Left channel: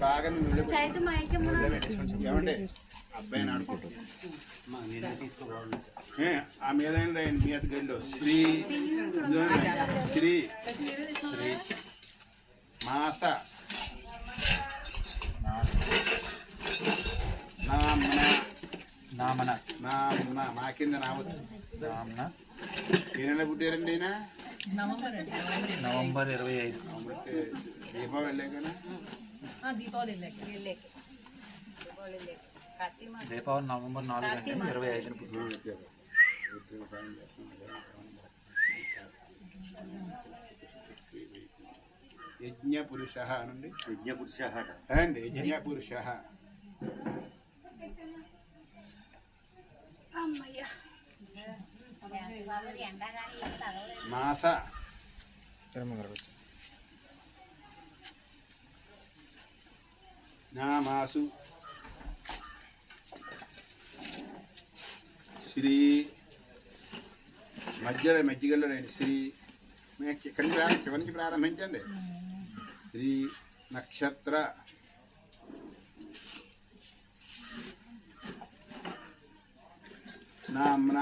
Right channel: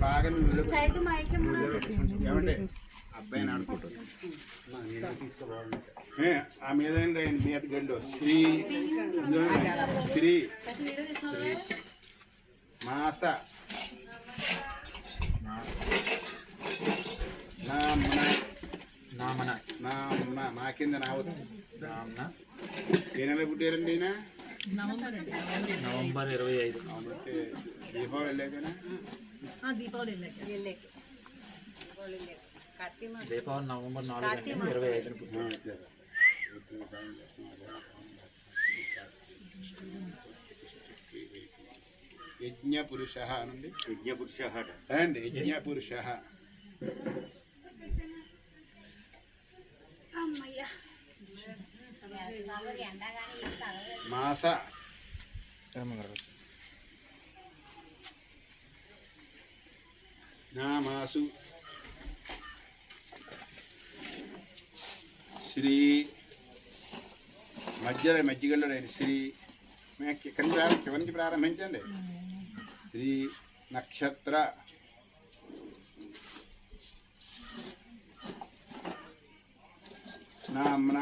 బాగా ఏమండి అబ్బాయిని ఆడుకుంటుంది ఆ మీద మీద గండు శ్రీ శ్రీ మాస నామన నామన మా కింద నామన ఏ నెల పుట్టారండి అయినా నవంబర్ 25 దీపావళి వెళ్ళాకనా దీపావళి నవంబర్ 4 అంటే 25 పుట్టారు. యజ్ఞ పురుష అనండి యజ్ఞ పురుష అండ్ యజ్ఞ పురుష మాస నామాసు శ్రీ మధ్యగల్లో శ్రీ ఇక్కడి నుంచి ప్రారంభించండి. శ్రీ నక్షత్ర నామ్న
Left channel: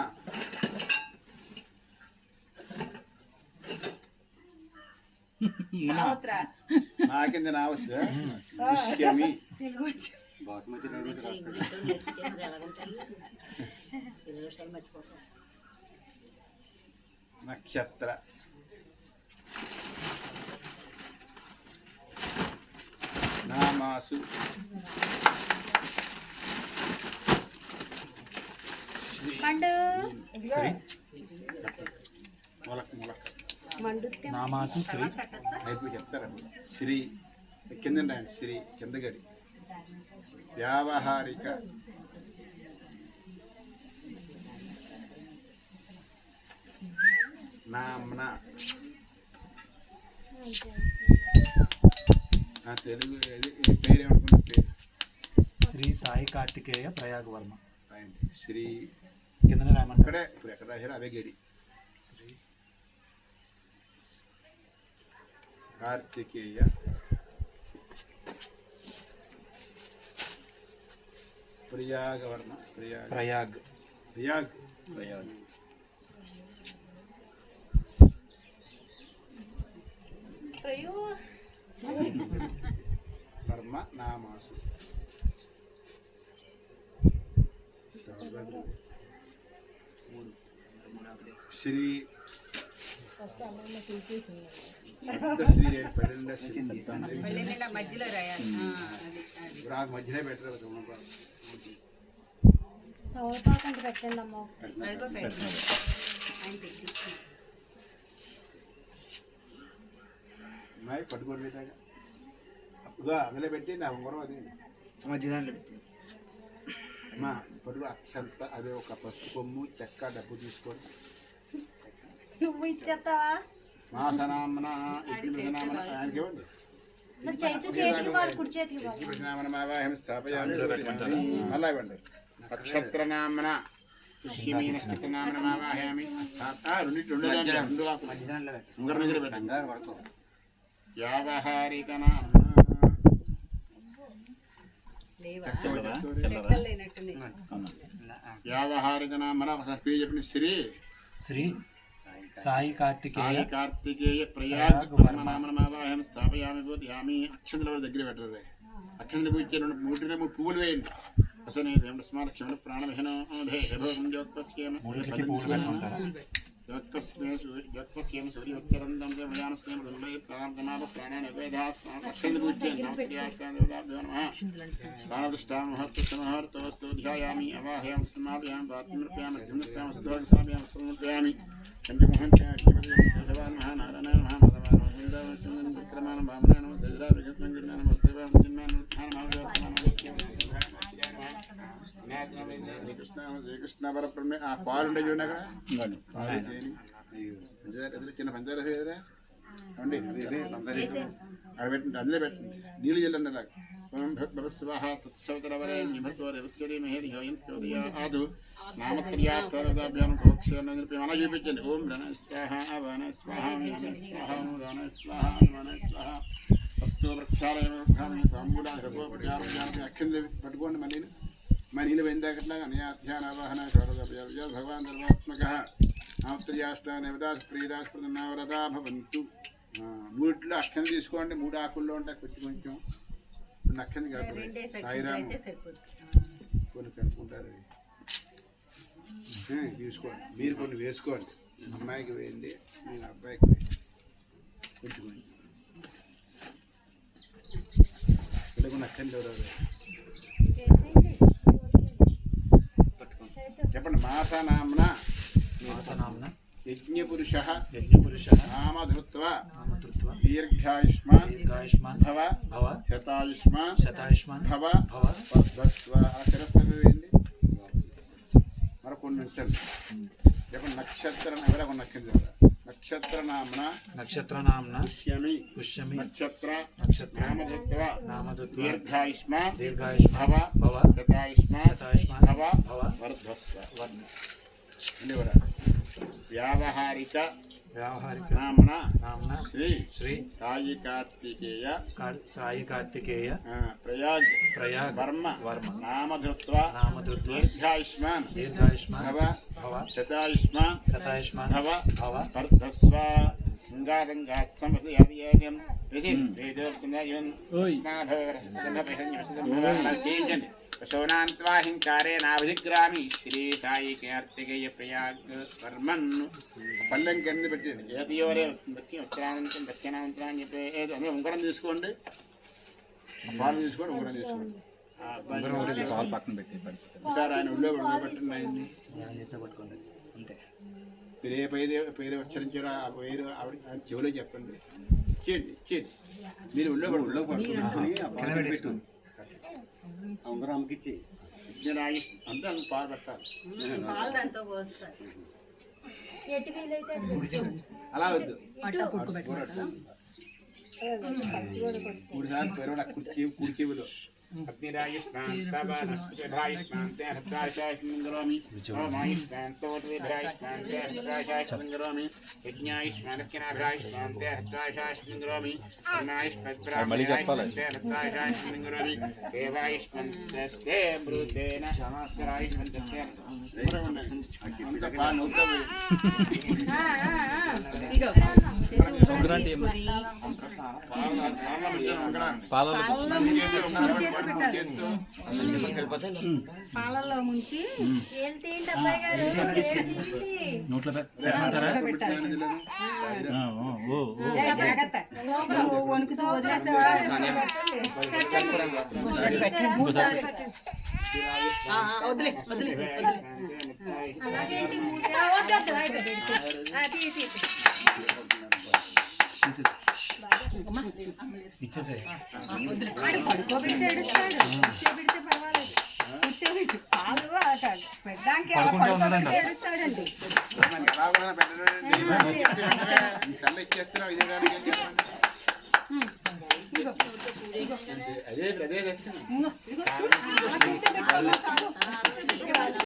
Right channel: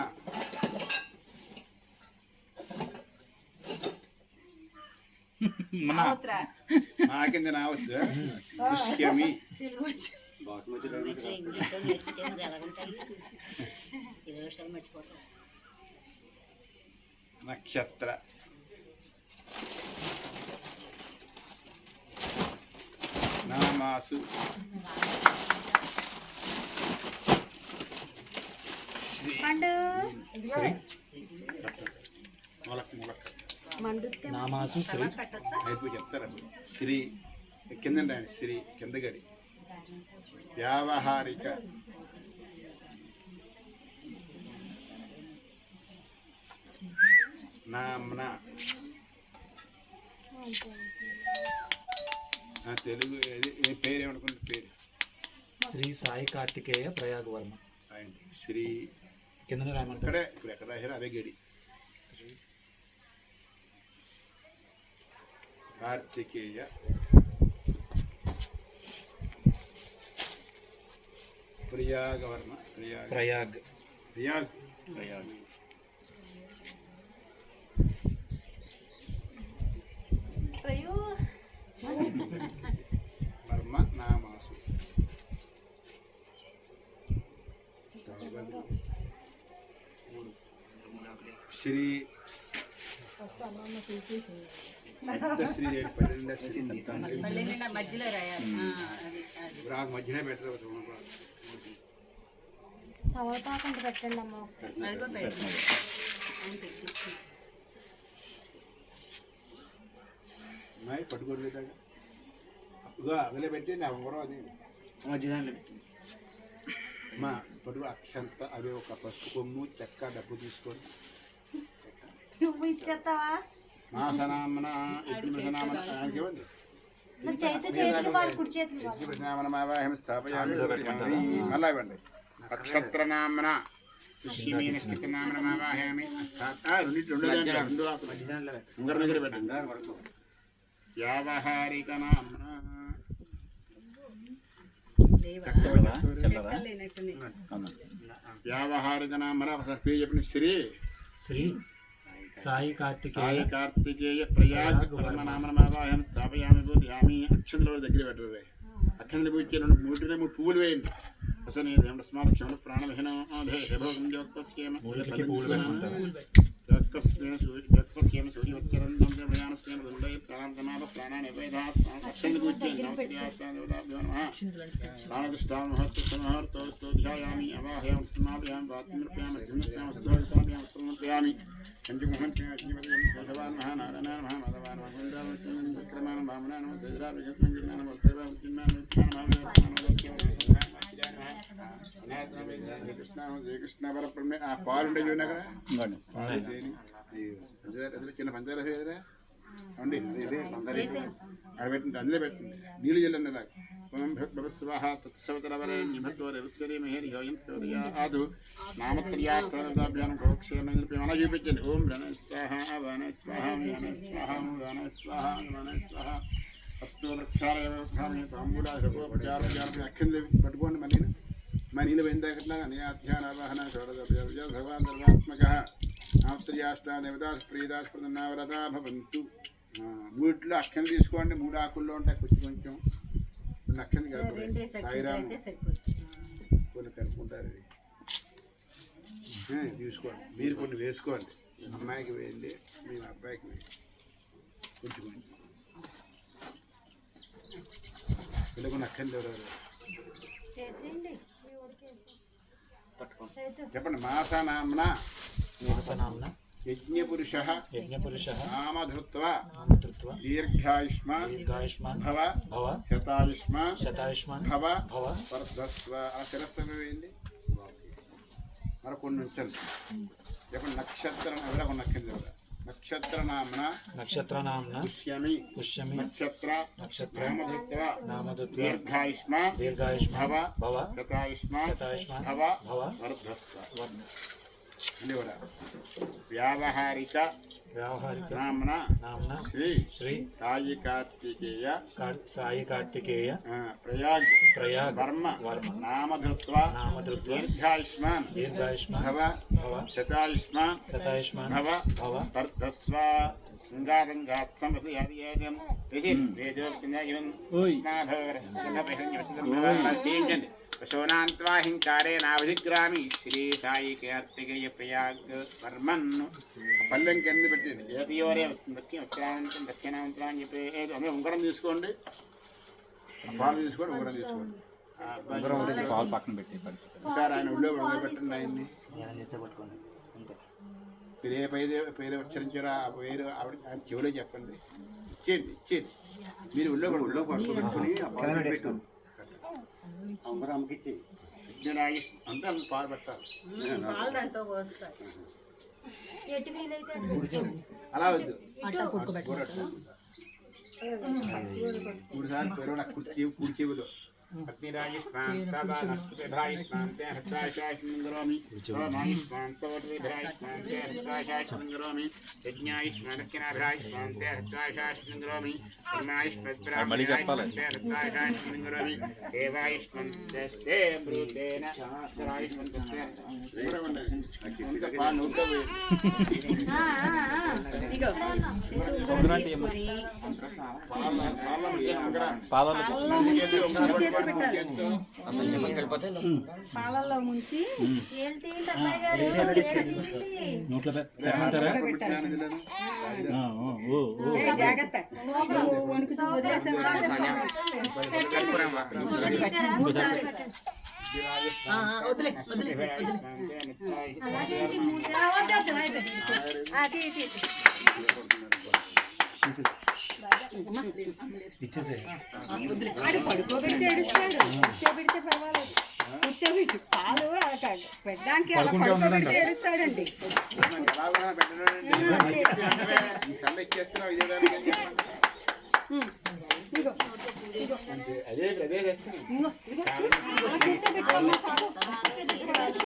మా కింద నావచ్చు పుష్యమి నక్షత్ర నామాసు నామాసు శ్రీ అయిపోయి చెప్తారా శ్రీ కిందండి ఆయన శ్రీ కిందగడి వ్యావహారిక నామ్న తెలుగు పేరు ఏమనుకున్న పేరు శ్రీ సాయి కార్తికేయ ప్రయాగ్ వర్మ. శ్రీ కింద రాయమంటారు ఇక్కడే ఇప్పుడు ఎక్కడ రాశారు అదే గడి శ్రీ కార్తికేయ ప్రయాగవర్మ ప్రయాగ్ ప్రయాగ్ వర్మ నామాసు శ్రీ మధ్యలో రాయాలి. మధ్యలో పెట్టరు తవతాకంటే పెట్టండి అమ్మ. పట్టుకోండి అందులో పెట్టి నా ఉంగరం అది మధ్యదాంట్లో పెట్టి అమ్మా పట్టుకు అక్షంత అదే ఒక పసుపు కొమ్ము చెక్క డబ్బు తీసుకొని నువ్వు ఇచ్చేస్తావా? మాసనామన యజ్ఞనామన ఆయనకి ఇవ్వండి. యజ్ఞనామనమావాహం స్థాపయామి మళ్ళా ఇవ్వండి. నక్షత్రనామన పుష్యమి నక్షత్రనామనమావాహయామి రెండు ఉంగరం దగ్గర పెట్టండి. వ్యావహారిక నామన వ్యావహారిక నామన పేరు చెప్పిన శ్రీ సాయి కార్తికేయ ప్రయాగ్ నామనమావాహం స్థాపయామి భూతయామి. అక్షంతల దగ్గర పెట్టరు. అక్షంతలు పూజ చేయండి. మూడు పువ్వులు వేయండి. స్మారక్షములు ప్రాణవిహనం సూర్యోత్తరం ప్రాణాన్ని ప్రాణదృష్టామహర్తోస్తు ధ్యాయామి అవాహయామి స్మాపయామి పాత్మృప్యామి సమర్పయామి పంచమహన్ మహానారాయణ మహామాధవాన్ భామనాన శ్రీకృష్ణ పరబ్రహ్మ. ఆ పాలు ఉండే చూడండి అక్కడ పాలు చిన్న పంచాయతీ అండి అది పెట్టండి, అందులో పెట్టండి, నీళ్ళు చల్లండి అలాగ. ఓం భగవస్వాహ తత్సవతరవరే నిభతో దేవస్వరీ మహేరి హోయంత్యోదయా ఆదు నామత్ర్యాభ్యానం ప్రోక్షణ మన చూపించండి. ఓం రణ స్వాహ వన స్వాహ వన స్వాహ వన స్వాహ వన స్వాహ అస్తు వృక్షాలయోపచారం అక్షంది పట్టుకోండి. మళ్ళీ నీళ్ళు పోయిందాకట్లా అన్యాధ్యానావాహన భగవాన్ ధర్మాత్మక నామత్ర్యాష్టాదేవదాస్ ప్రియదాస్ ప్రదన్నావ్రతా భవంతు. మూడిట్లో అక్షం తీసుకోండి, 3 ఆకుల్లో ఉంటాయి కొంచెం కొంచెం. 2 అక్షం కాదు సాయిరాము కొన్ని కనుక్కుంటారు. తీసుకోండి, మీరు కొన్ని వేసుకోండి. అమ్మాయికి వేయండి, మీ అబ్బాయికి కొంచెం కొంచెం ఇలా కొన్ని అక్షం ఎవరెవరు చెప్పండి. మాసానామ్న నామ్న యజ్ఞపురుష యజ్ఞపురుష నామధృత్వా నామధృత్వా దీర్ఘాయుష్మాన్ దీర్ఘాయుష్మాన్ భవ భవ శతాయుష్మాన్ శతాయుష్మాన్ భవ భవ వర్ధస్వ. ఆ శిరస్సు వేయండి, మరి కొన్ని ఉంచండి. చెప్పండి. నక్షత్రం ఎవరో కొన్ని నక్షత్రం నక్షత్ర నామ్న నక్షత్ర నామ్న పుష్యమి పుష్యమి నక్షత్ర నక్షత్ర నామధృత్వా నామధృత్వా దీర్ఘాయుష్మాన్ దీర్ఘాయుష్మాన్ భవ భవ శతాయుష్మాన్ శతాయుష్మాన్ భవ భవ వర్ధస్వ. వర్ణ వ్యావహారిక వ్యావహారిక నామ్న నామ్న శ్రీ శ్రీ సాయి కార్తికేయ సాయి కార్తికేయ ప్రయాగ్ ప్రయాగ్ వర్మ వర్మ నామధృత్వా నామధృత్వా దీర్ఘాయుష్మాన్ దీర్ఘాయుష్మాన్ భవ భవ శతాయుష్మాన్ శతాయుష్మాన్ భవ భవ వర్ధస్వ. శృంగారంగాత్ సమృద్ధియాదియాజం వేదోక్తింది శోనాంత్వాహింకారే నాభిగ్రామి శ్రీ సాయి కార్తికేయ ప్రయాగ్ వర్మన్. పల్లెం కింద పెట్టేది ఏతియోరే ఉత్తరాంతం దక్షిణాంతరం అని చెప్పి అందులో ఉంగరం తీసుకోండి, పాలు తీసుకోండి, ఉంగరం తీసుకోండి. పాలు పక్కన పెట్టి సార్ ఆయన ఉళ్ళో పెట్టండి. ఆయన్ని పట్టుకోండి అంతే. మీరు ఏ పేరు ఉచ్చరించారో ఆ పేరు ఆవిడ ఆయన చెవిలో చెప్పండి. ఇచ్చేయండి ఇచ్చేయండి. మీరు ఉళ్ళో అంతా పాలు పెట్టాలి. ఎటు వీలైతే అటు అలా వద్దు. 3 సార్లు పెరవడ కుడి చెవిలో అగ్నిరాయుష్మాన్ సభాయుష్మాన్ హృదాయుష్మాన్ ఓమాయుష్మాన్ సవోటిభ్రాయుష్మాన్ హృదాయుష్మాన్ యజ్ఞాయుష్మాన్ దక్షిణాభ్రాయుష్మాన్ హృదాయుష్మాన్ హృదాయుష్మాన్ దేవాయుష్మాన్ తే మృతేన శరాయుష్మాన్ పాలల్లో ముంచి నోట్లో జాగ్రత్త వణుకుతూ ఇచ్చేసే పడుకోబెడితే ఏడుస్తాడు, కూర్చోబెడితే పర్వాలేదు. కూర్చోబెట్టి పాలు పెట్టడానికి ఏడుస్తాడండి. అదే అదే కూర్చోబెట్టుకోమా